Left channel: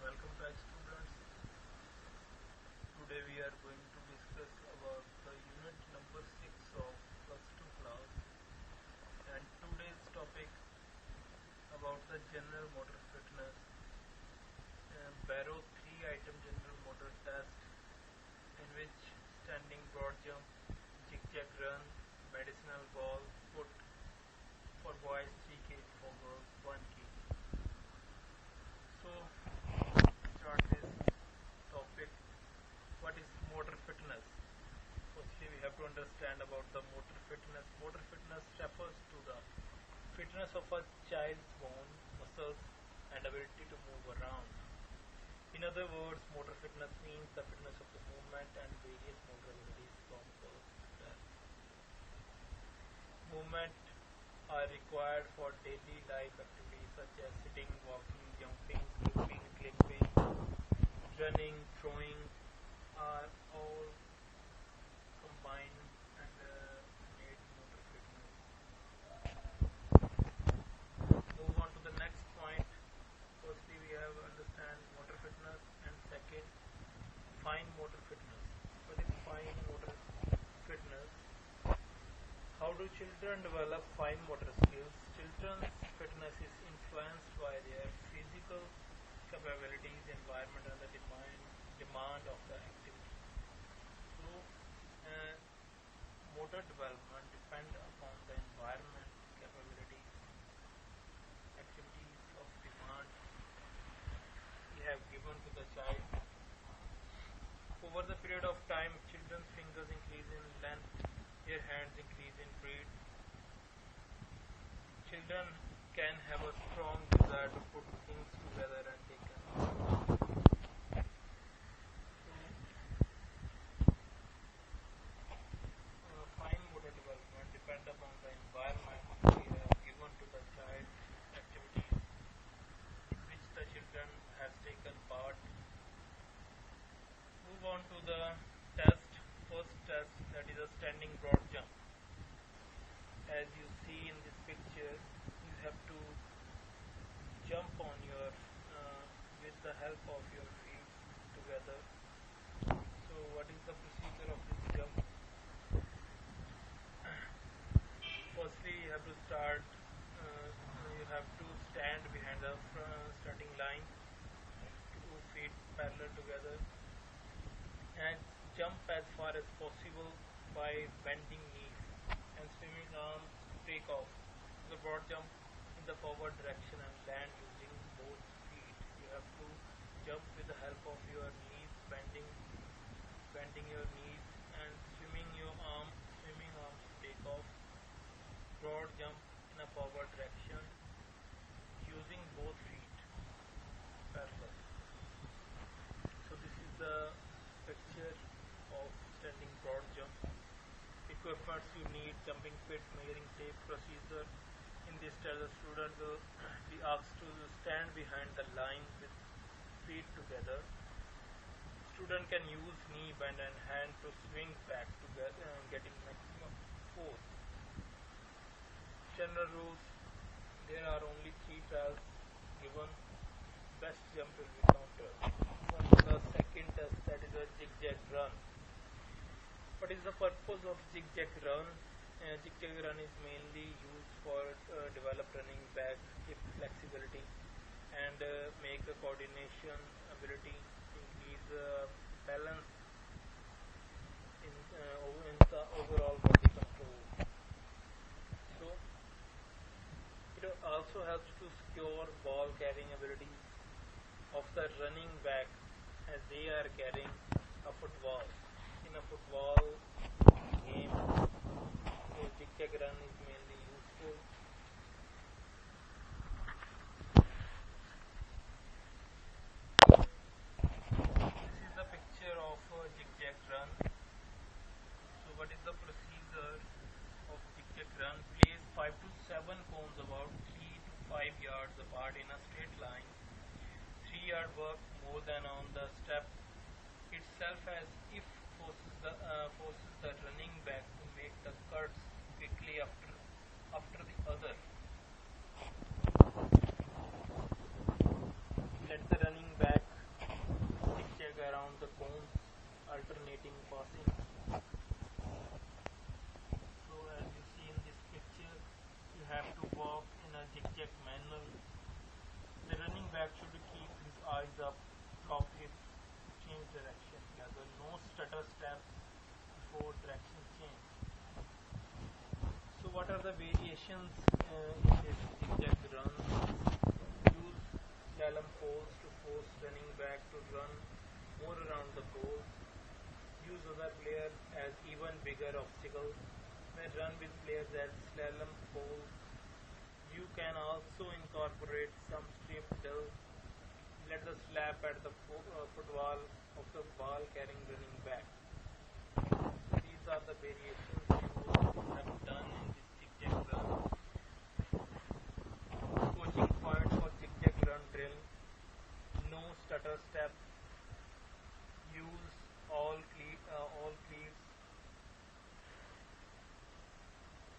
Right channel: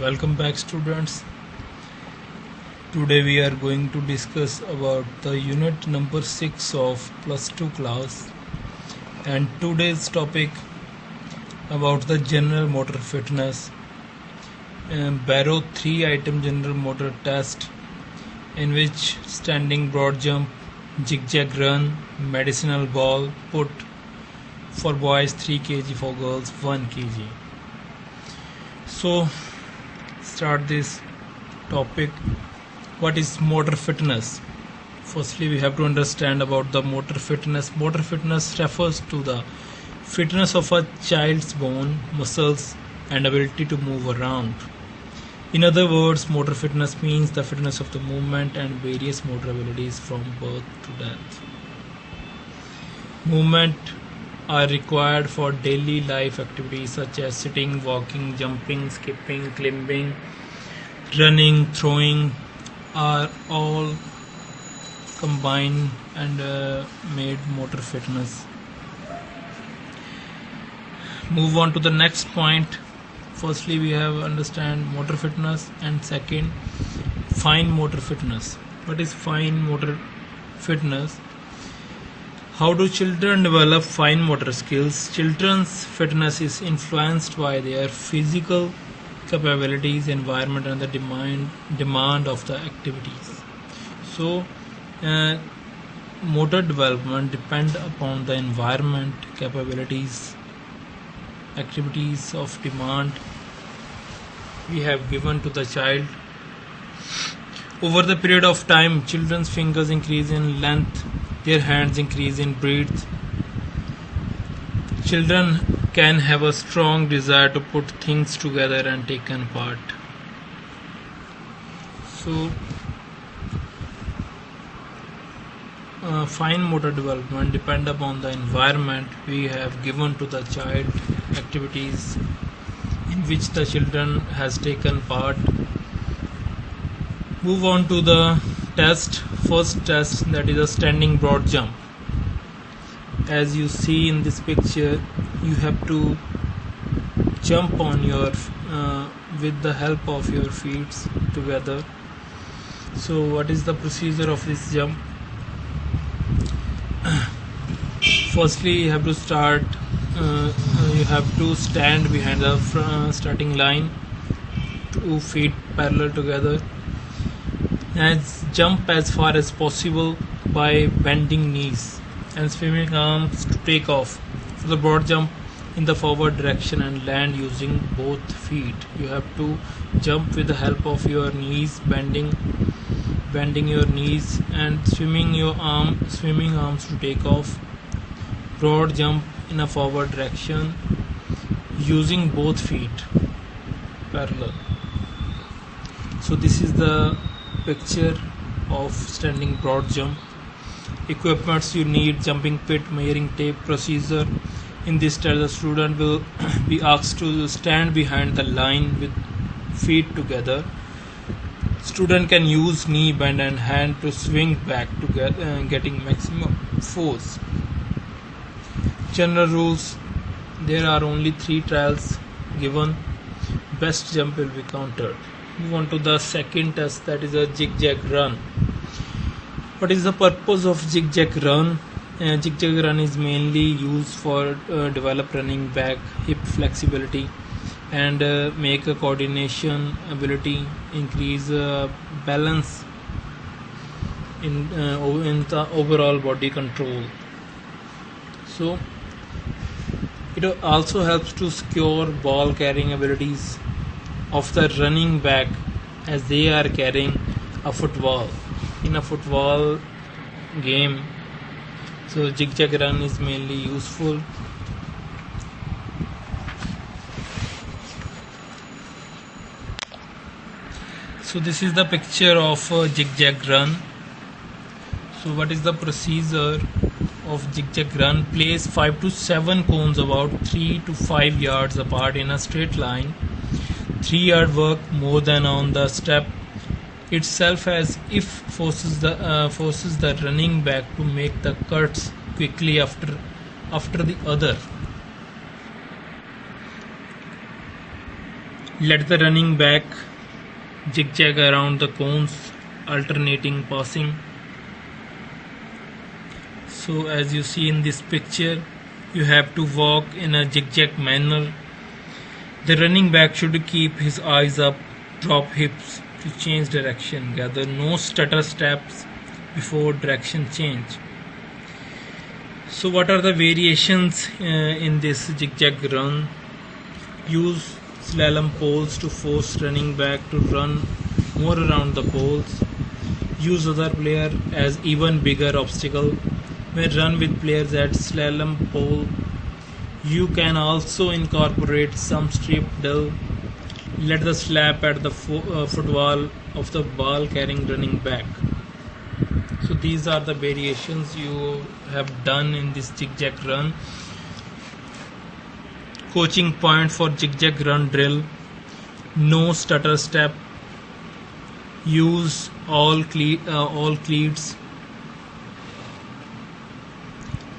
Welcome back, students. Today we are going to discuss about the unit number 6 of plus 2 class, and today's topic about the general motor fitness, Barrow 3 item general motor test, in which standing broad jump, zigzag run, medicinal ball put for boys 3 kg, for girls 1 kg. So start this topic. What is motor fitness? Firstly, we have to understand about the motor fitness. Motor fitness refers to the fitness of a child's bone, muscles and ability to move around. In other words, motor fitness means the fitness of the movement and various motor abilities from birth to death. Movement are required for daily life activities such as sitting, walking, jumping, skipping, climbing, running, throwing, are all combined and made motor fitness. Move on to the next point. Firstly, we have understand motor fitness, and second, fine motor fitness. What is fine motor fitness? How do children develop fine motor skills? Children's fitness is influenced by their physical capabilities, environment and the demand of the activities. So motor development depend upon the environment, capabilities, activities of demand we have given to the child. Over the period of time, children's fingers increase in length, their hands increase in breadth. Children can have a strong desire to put things together and take apart. So, fine motor development depend upon the environment we have given to the child, activities in which the children has taken part. Move on to the test. First test, that is a standing broad jump. As you see in this picture, you have to jump on your with the help of your feet together. So what is the procedure of this jump? Firstly, you have to start you have to stand behind the starting line, 2 feet parallel together, and jump as far as possible by bending knees and swimming arms to take off for the broad jump in the forward direction and land using both feet. You have to jump with the help of your knees, bending your knees and swimming arms to take off. Broad jump in a forward direction using both feet parallel. So this is the picture of standing broad jump. Equipments you need: jumping pit, measuring tape. Procedure: in this test, the student will be asked to stand behind the line with feet together. Student can use knee bend and hand to swing back to getting maximum force. General rules: there are only 3 trials given. Best jump will be counted. Move on to the second test, that is a zigzag run. What is the purpose of zigzag run? Zigzag run is mainly used for develop running back, hip flexibility, and make a coordination ability, increase balance in the overall body control. So it also helps to secure ball carrying abilities of the running back as they are carrying a football in a football game. So zigzag run is mainly useful. So this is the picture of a zigzag run. So what is the procedure of zigzag run? Place 5 to 7 cones about 3 to 5 yards apart in a straight line. 3-yard work more than on the step itself, as if forces the running back to make the cuts quickly after the other. Let the running back zigzag around the cones, alternating passing. So as you see in this picture, you have to walk in a zigzag manner. The running back should keep his eyes up, drop hips to change direction, gather no stutter steps before direction change. So what are the variations in this zigzag run? Use slalom poles to force running back to run more around the poles. Use other player as even bigger obstacle. When run with players at slalom pole, you can also incorporate some strip drill. Let the slap at the footwall of the ball carrying running back. So these are the variations you have done in this zigzag run. Coaching point for zigzag run drill: no stutter step. Use all cleats.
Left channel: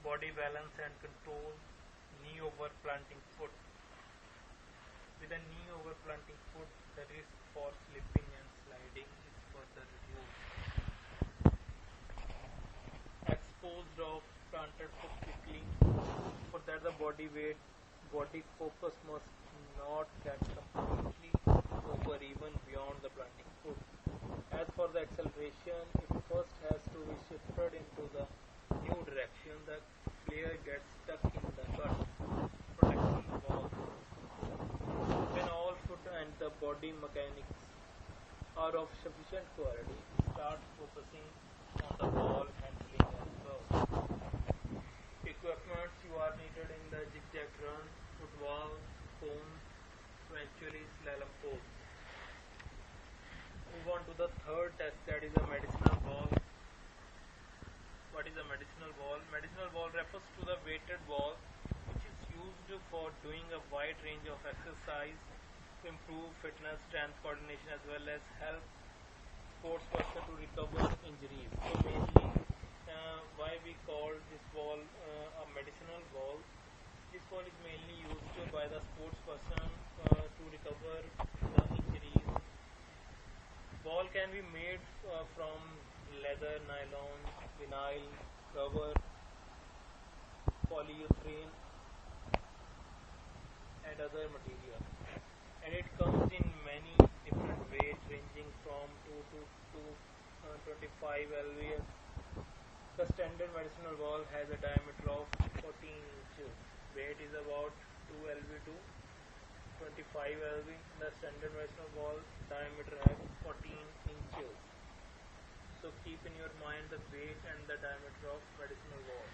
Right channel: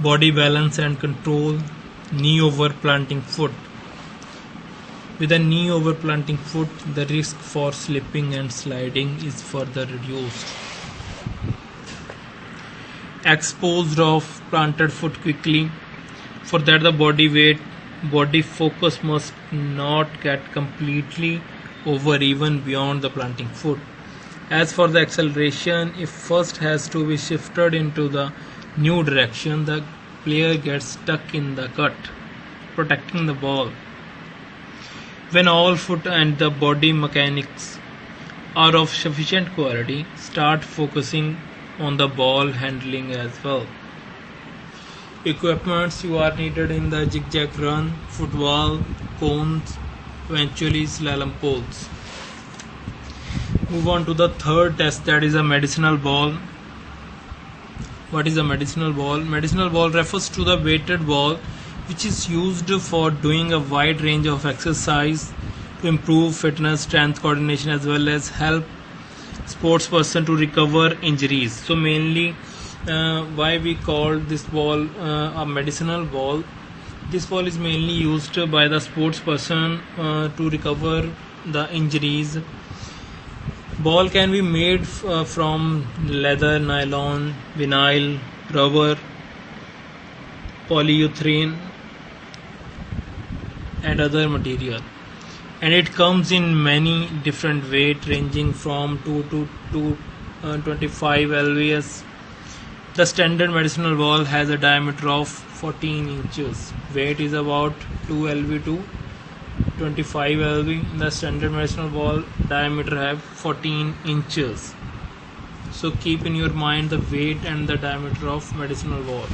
Body balance and control. Knee over planting foot. With a knee over planting foot, the risk for slipping and sliding is further reduced. Exposed of planted foot quickly. For that, the body focus must not get completely over even beyond the planting foot. As for the acceleration, if first has to be shifted into the new direction, the player gets stuck in the cut, protecting the ball. When all foot and the body mechanics are of sufficient quality, start focusing on the ball handling as well. Equipments you are needed in the zigzag run: football, cones, eventually slalom poles. Move on to the third test, that is a medicinal ball. What is a medicinal ball? Medicinal ball refers to the weighted ball which is used for doing a wide range of exercise to improve fitness, strength, coordination, as well as help sports person to recover injuries. So mainly why we call this ball a medicinal ball. This ball is mainly used by the sports person to recover the injuries. Ball can be made from leather, nylon, vinyl, rubber, polyurethane and other material, and it comes in many different weight ranging from 2 to 25 lbs. The standard medicinal ball has a diameter of 14 inches. Weight is about 2 lb to 25 lb. The standard medicinal ball diameter have 14 inches. So keep in your mind the weight and the diameter of medicinal ball.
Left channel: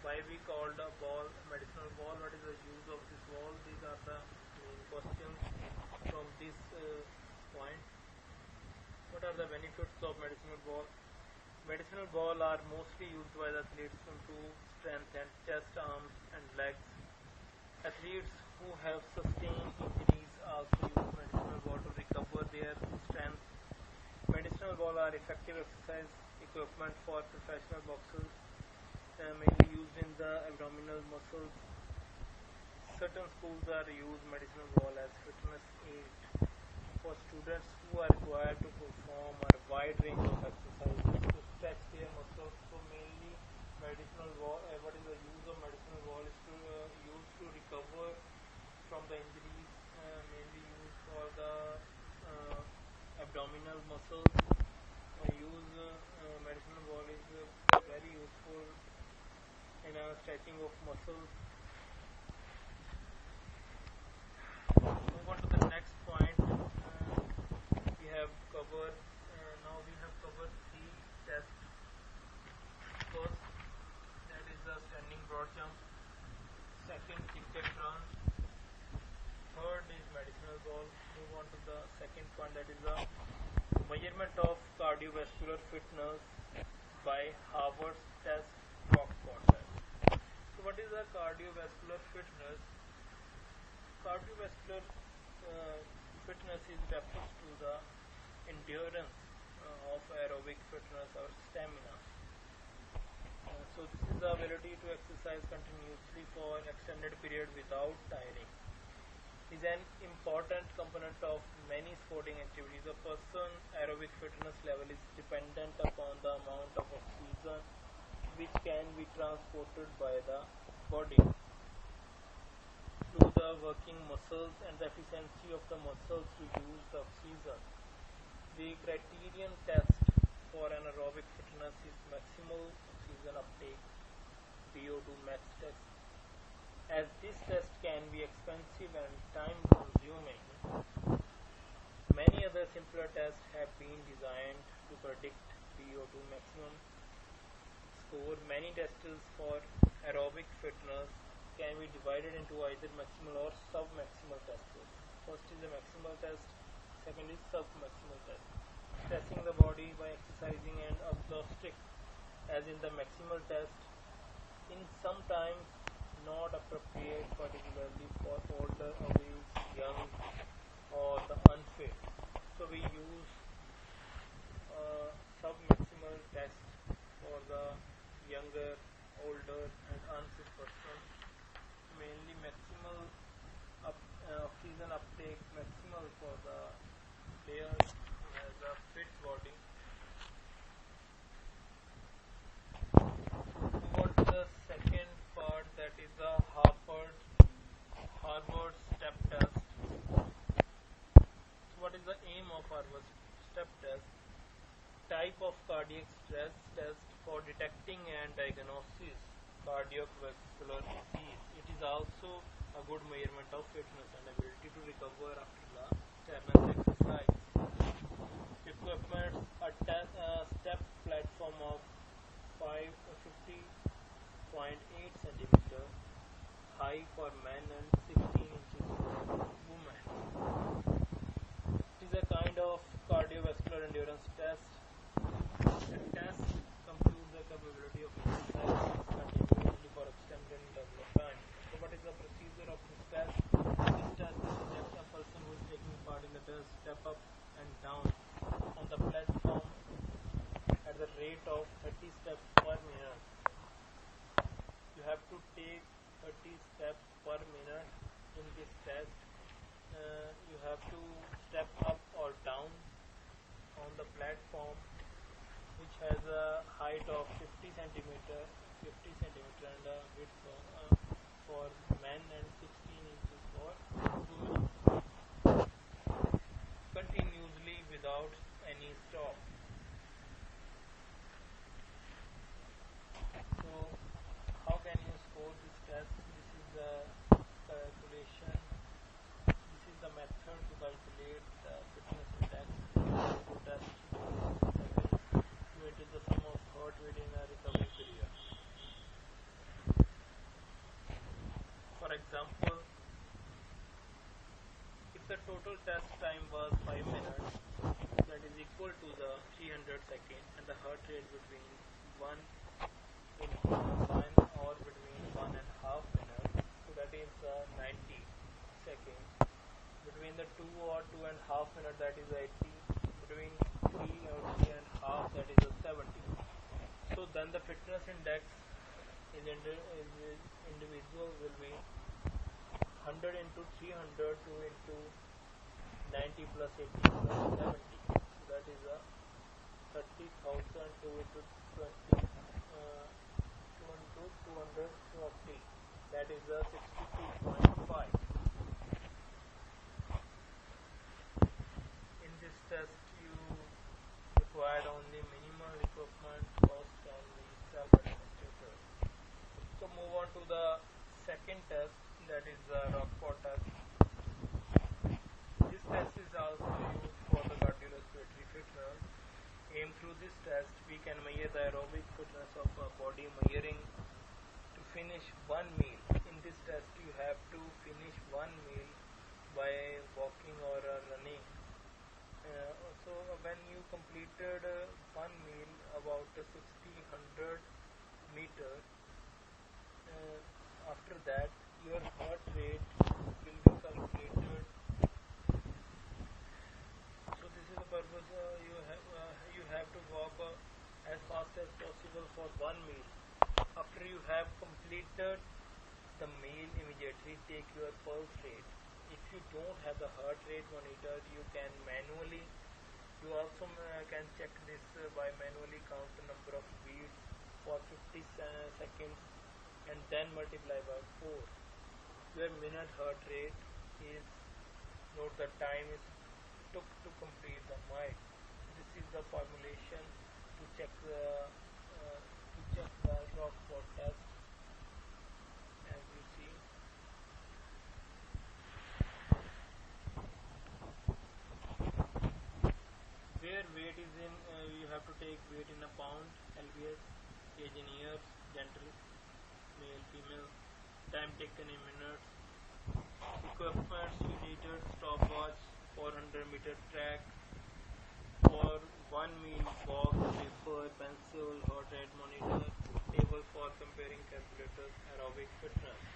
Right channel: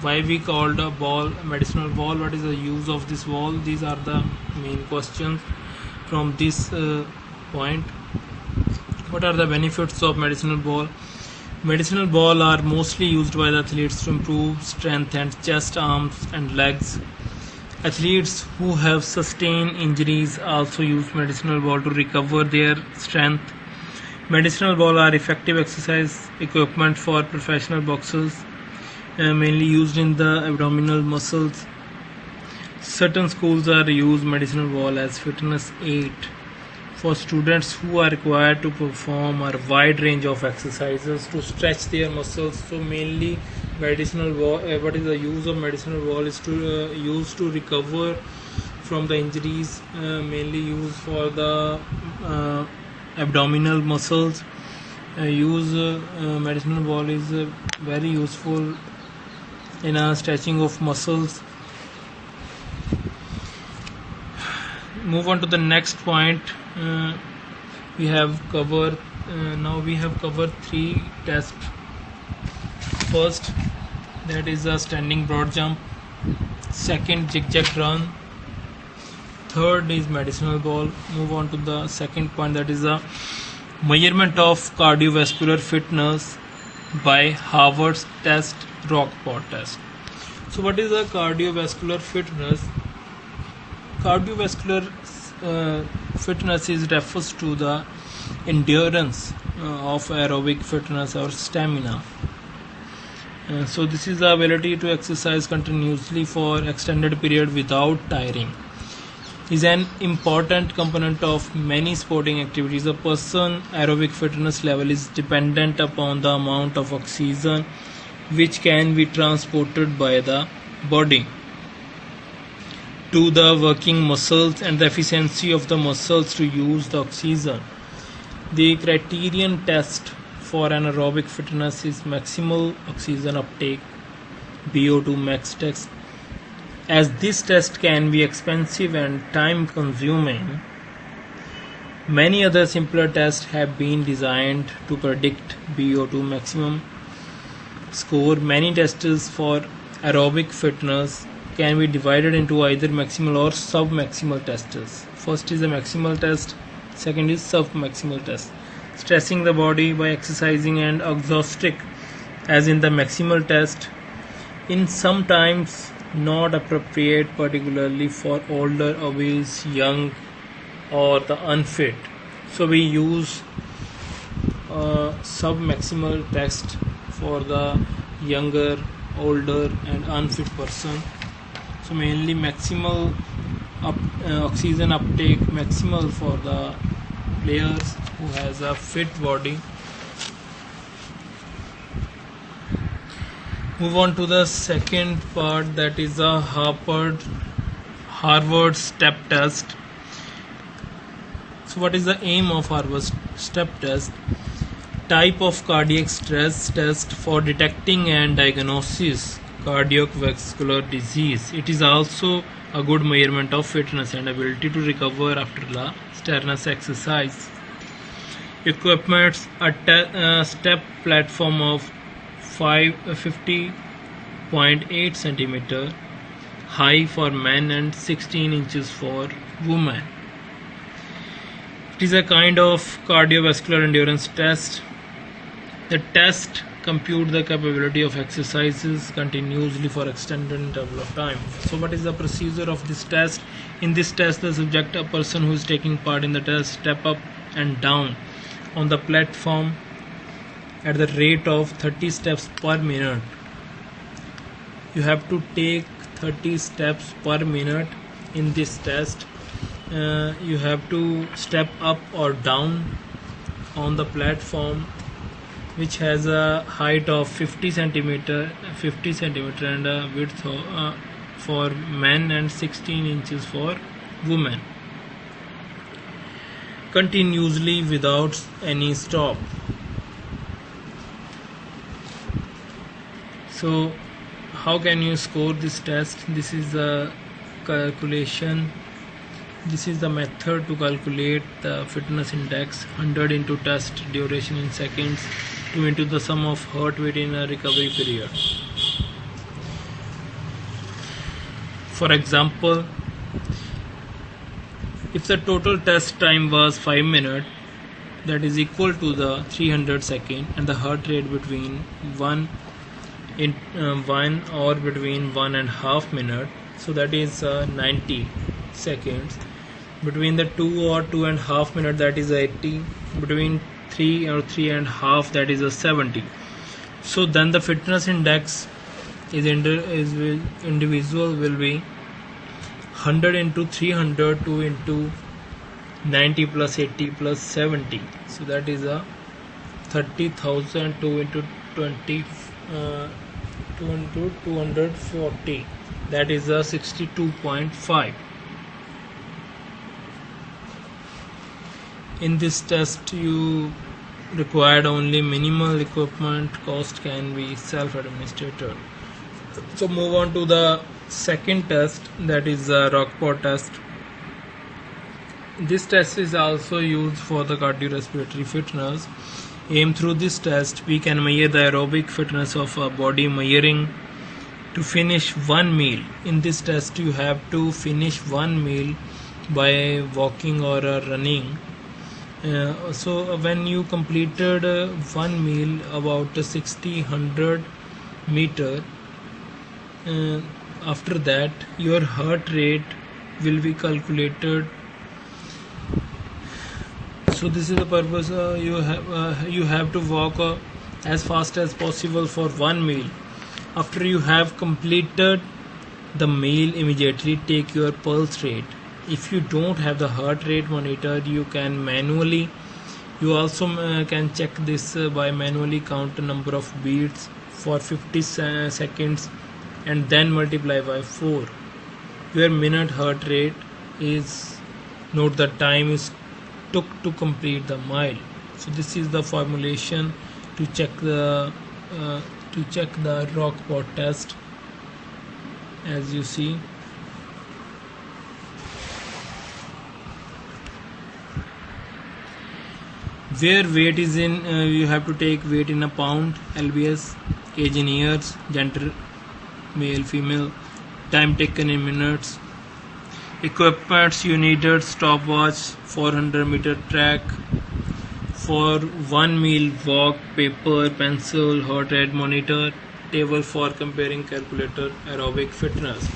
Why we called a ball a medicinal ball? What is the use of this ball? These are the main questions from this point. What are the benefits of medicinal ball? Medicinal ball are mostly used by the athletes to improve strength and chest, arms and legs. Athletes who have sustained injuries also use medicinal ball to recover their strength. Medicinal ball are effective exercise equipment for professional boxers, mainly used in the abdominal muscles. Certain schools are use medicinal ball as fitness aid for students who are required to perform a wide range of exercises to stretch their muscles. So mainly medicinal ball, what is the use of medicinal ball is to use to recover from the injuries, mainly used for the abdominal muscles. Medicinal ball is very useful in stretching of muscles. Move on to the next point. We have covered three tests. First, that is a standing broad jump. Second, zigzag run. Third is medicinal ball. Move on to the second point, that is a measurement of cardiovascular fitness by Harvard's test, Rockport test. So what is a cardiovascular fitness? Cardiovascular fitness refers to the endurance of aerobic fitness or stamina. So this is the ability to exercise continuously for extended period without tiring. is an important component of many sporting activities. A person's aerobic fitness level is dependent upon the amount of oxygen which can be transported by the body to the working muscles and the efficiency of the muscles to use the oxygen. The criterion test for anaerobic fitness is maximal oxygen uptake (VO2 max test). As this test can be expensive and time consuming, many other simpler tests have been designed to predict VO2 maximum score. Many tests for aerobic fitness can be divided into either maximal or sub-maximal tests. First is the maximal test, second is sub-maximal test. Stressing the body by exercising and exhausting, as in the maximal test, in sometimes not appropriate, particularly for older, obese, young, or the unfit. So we use sub-maximal test for the younger, older, and unfit person. So mainly maximal oxygen uptake maximal for the players who has a fit body. Move on to the second part, that is the Harvard step test. So what is the aim of Harvard step test? Type of cardiac stress test for detecting and diagnosis cardiovascular disease. It is also a good measurement of fitness and ability to recover after the strenuous exercise. Equipment: a step platform of 50.8 cm high for men and 16 inches for women. It is a kind of cardiovascular endurance test. The test compute the capability of exercises continuously for extended interval of time. So what is the procedure of this test? In this test, the subject, a person who is taking part in the test, step up and down on the platform at the rate of 30 steps per minute. You have to take 30 steps per minute in this test. You have to step up or down on the platform, which has a height of 50 centimeter and a width for men and 16 inches for women, continuously without any stop. So how can you score this test? This is the calculation. This is the method to calculate the fitness index: 100 into test duration in seconds, 2 into the sum of heart rate in a recovery period. For example, if the total test time was 5 minutes, that is equal to the 300 seconds, and the heart rate between 1 or between 1.5 minutes, so that is 90 seconds. Between the 2 or 2.5 minutes, that is 80. Between 3 or 3.5, that is a 70. So then the fitness index individual will be 100 into 300, 2 into 90 plus 80 plus 70. So that is a 30,000, 2 into 20, 2 into 240. That is a 62.5. In this test, you required only minimal equipment. Cost can be self-administered. So move on to the second test, that is the Rockport test. This test is also used for the cardiorespiratory fitness. Aim through this test, we can measure the aerobic fitness of a body measuring to finish one meal. In this test, you have to finish one meal by walking or running. So when you completed one meal about 60-100 meter, after that your heart rate will be calculated. So this is the purpose. You have to walk as fast as possible for one meal. After you have completed the meal, immediately take your pulse rate If you don't have the heart rate monitor, you can manually, you also can check this by manually count the number of beats for 50 seconds and then multiply by 4. Your minute heart rate is, note the time is took to complete the mile. So this is the formulation to check the Rockport test. As you see, where weight is in, you have to take weight in a pound, lbs, age in years, gender male female, time taken in minutes, equipments you needed: stopwatch, 400-meter track, for 1 mile walk, paper, pencil, heart rate monitor, table for comparing, calculator, aerobic fitness.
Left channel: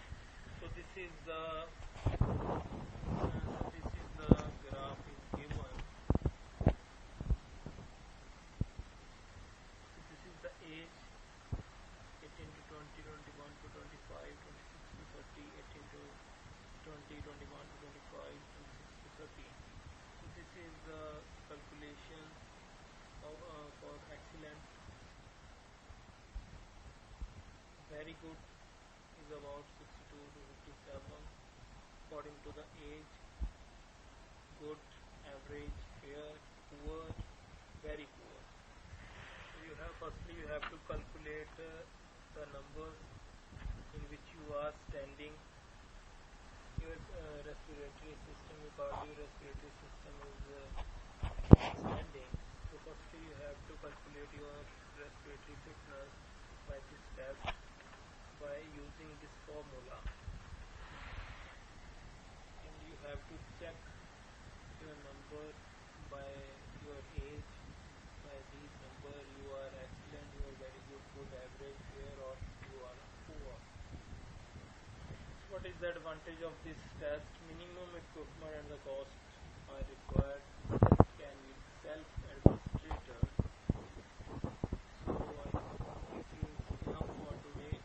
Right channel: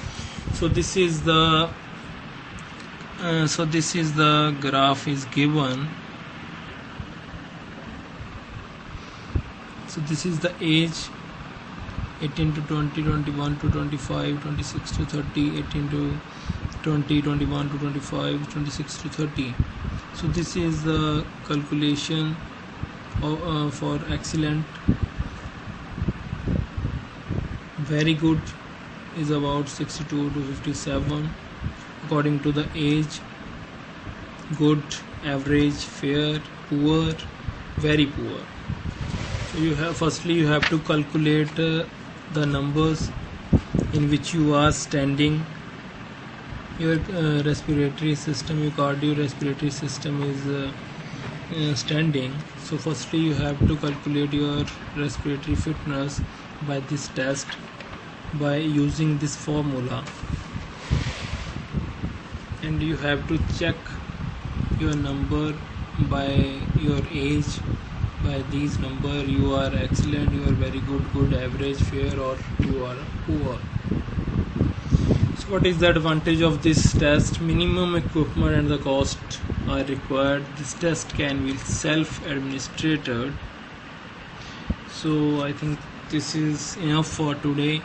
So this is the graph is given. So this is the age: 18 to 20, 21 to 25, 26 to 30, 18 to 20, 21 to 25, 26 to 30. So this is the calculation for excellent. Very good is about 62 to 57 according to the age. Good, average, fair, poor, very poor. So you have to calculate the numbers in which you are standing. Your respiratory system, your cardiorespiratory system is standing. So firstly you have to calculate your respiratory fitness by this test, by using this formula, and you have to check your number by your age. By these number you are excellent, you are very good, average, fair, or you are poor. So what is the advantage of this test? Minimum equipment and the cost are required. This test can be self-administered. So I think this is enough for today.